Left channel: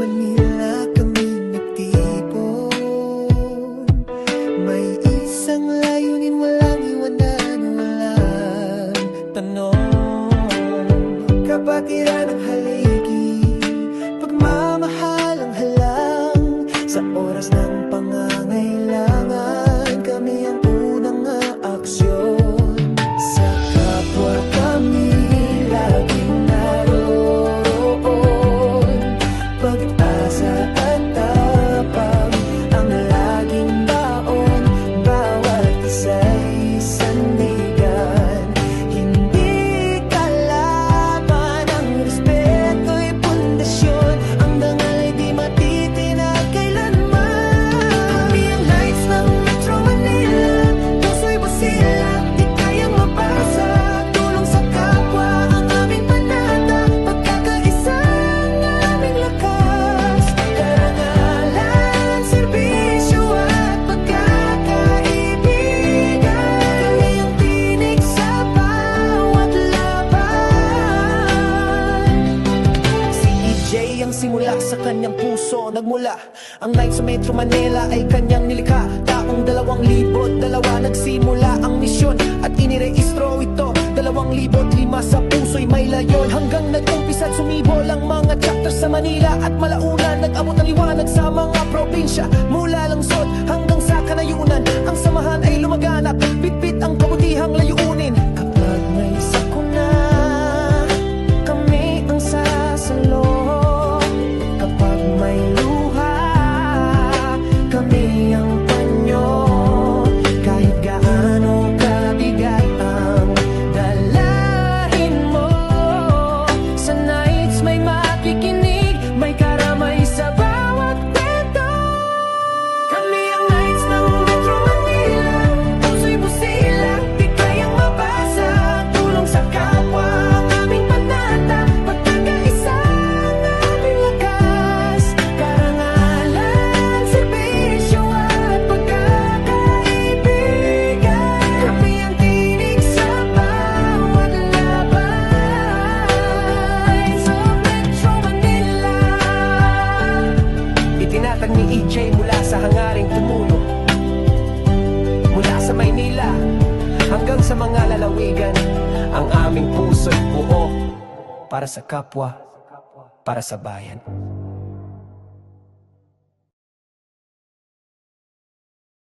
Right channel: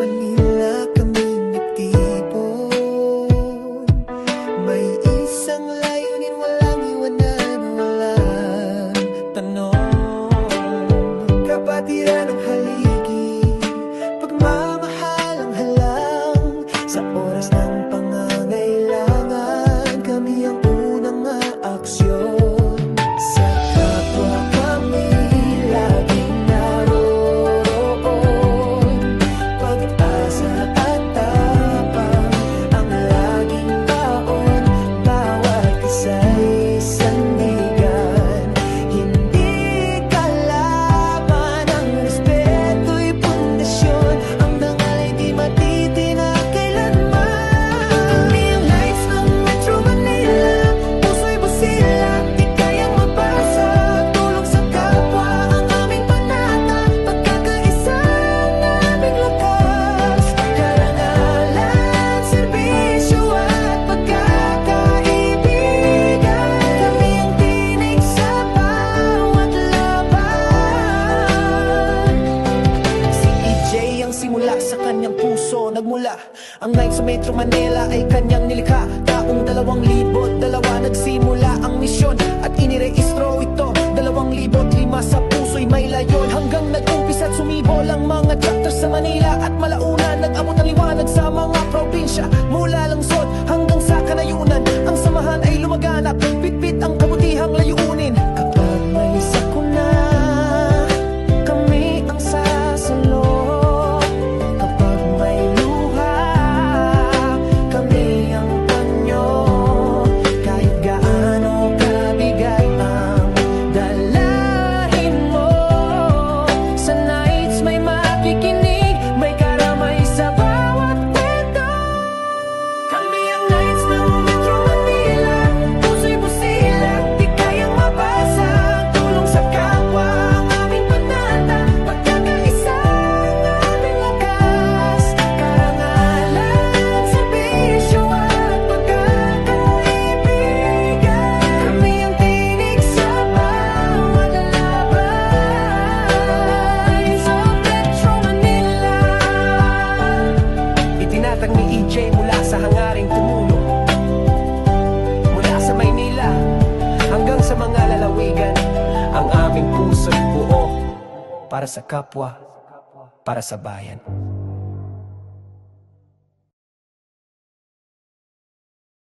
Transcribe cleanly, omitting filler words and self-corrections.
Manila kami nagtipon. May isang layunin, walang iwanan, walang tanong. Kapatiran ng haligi, pagmamahal ang halang. Sa oras ng pangangailangan, kami ang unang aaksyon. Sa kapwa kami laging naroroon. Pag-asa at tapang ang laging baon. Bawat isa'y sandigan. Hindi kalaban, ang respeto'y pundasyon. Ang dangal ay di matitinag kailanman. Kami ang Knights ng Metro Manila, puso'y busilak, di kayang mabasag. Tulong sa kapwa ang aming panata, pagkakaisa ang aming lakas. Karangalan, serbisyo at pagkakaibigan. Kami ang tinig sa bawat laban. Si EJ ang simula sa kanyang puso nagmula. Ang Knights sa Metro Manila ay kanyang nilikha. Taong 2002 nagsimula ang misyon at inirehistro ito 2005. Sa puso'y may layon hanggang nag-umpisa at sumibol ang mga chapters sa Manila at Malauna. Nag-abot ang liwanag sa mga probinsya mula lungsod hanggang sa kanayunan. Ang samahan ay lumaganap, bitbit ang kabutihang layunin. Kapag may sakuna, kami ang sasalo. Kapag may luha, kami ang panyo. Kahit gaano kabigat ang dalahin mo, sa Knights may makikinig, may karamay sa bawat kwento. Kami ang Knights ng Metro Manila, puso'y busilak, di kayang mabasag. Tulong sa kapwa ang aming panata, pagkakaisa ang aming lakas. Karangalan, serbisyo at pagkakaibigan. Kami ang tinig sa bawat laban. Sa Metro Manila, itinatag ni EJ mula sa hangaring tumulong. Mula sa Maynila hanggang sa mga lalawigan, ang aming puso'y buo para sa kapwa, para sa bayan.